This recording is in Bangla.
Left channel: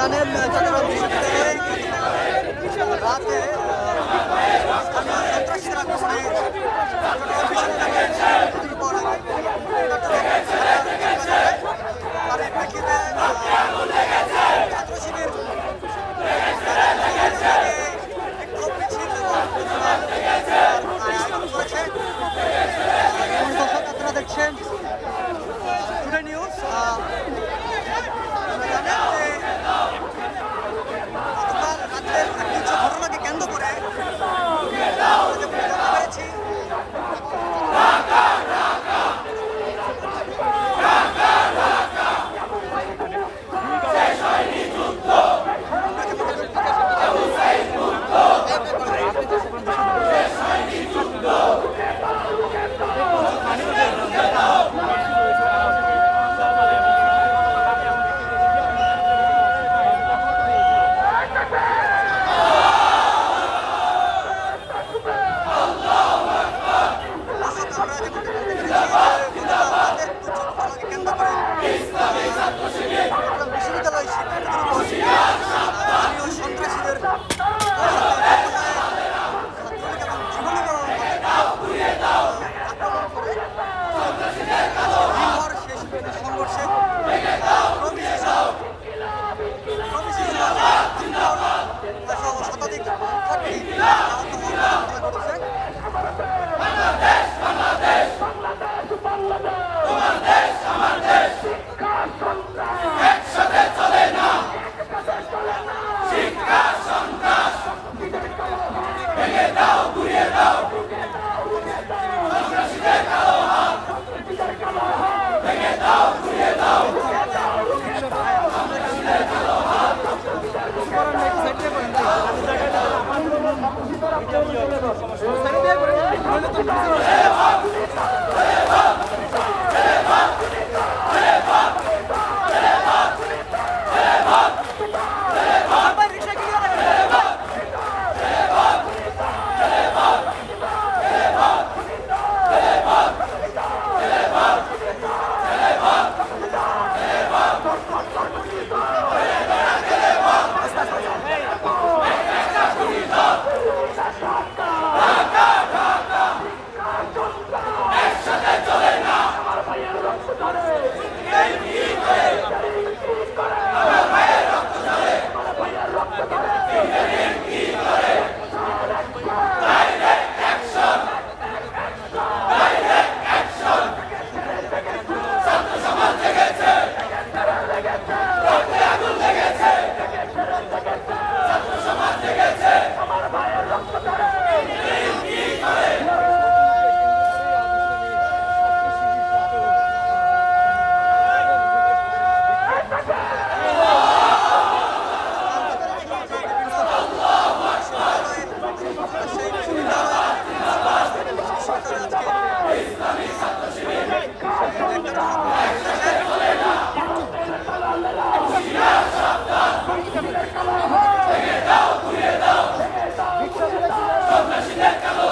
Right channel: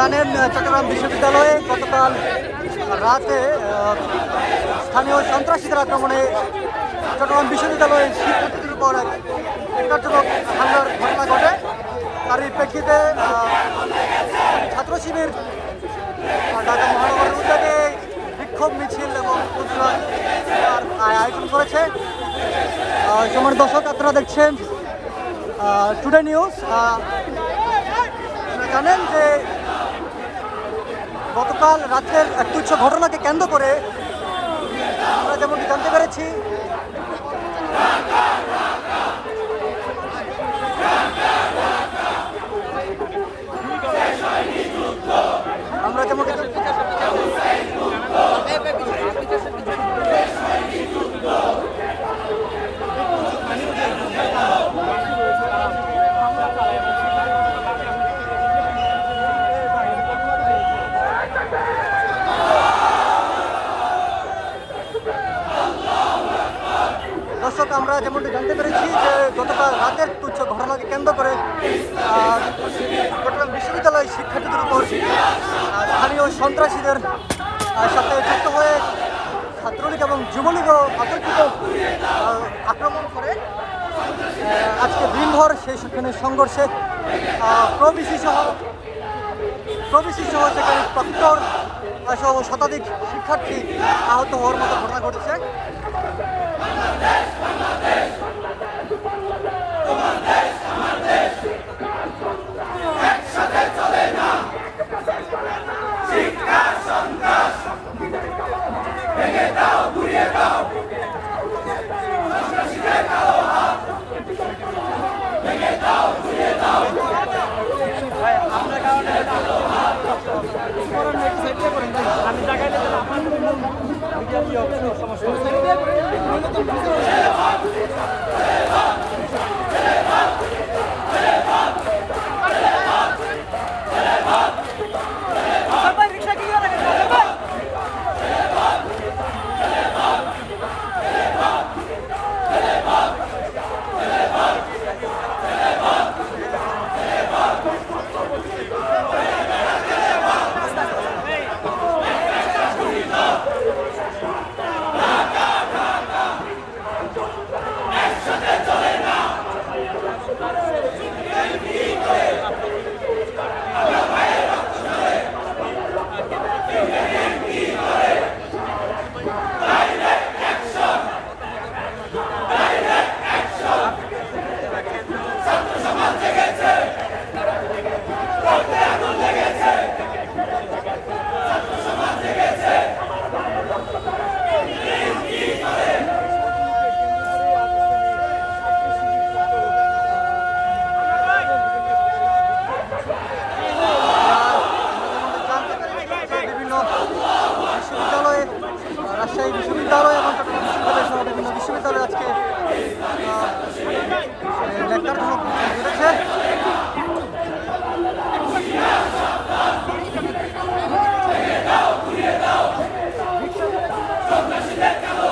জানেন চট্টগ্রাম বিশ্ববিদ্যালয়ে গতকাল রাতে স্থানীয় সন্ত্রাসীদের আক্রমণে চট্টগ্রাম বিশ্ববিদ্যালয়ের শিক্ষার্থীদের উপর কার্যকর হামলার ঘটনা ঘটে। তার প্রেক্ষিতে ছাত্র শিবির বিক্ষোভ মিছিল এবং আয়োজন করেছে। যেমন দর্শক আপনারা দেখছেন টুডে নিউজ। জানেন যে গতকাল রাতের এক তুচ্ছ ঘটনাকে কেন্দ্র করে আমরা যেমন জানতে পেরেছি আমরা যেমন আমরা যেমনটা জানতে পেরেছি যে গতকাল রাতের তুচ্ছ ঘটনাকে কেন্দ্র করে চট্টগ্রাম বিশ্ববিদ্যালয় শিক্ষার্থীদের উপর স্থানীয় সন্ত্রাসীদের সাথে যুক্ত হয়ে ছাত্রলীগ এবং যুবলীগও আক্রমণ করে আজকে দিনভর সেই সেখানে সংঘর্ষে প্রবিসি সহ সেখানে ডক্টর সহ শতাধিক শিক্ষার্থী আহত হওয়ার মতো ঘটনা ঘটেছে। Let's go!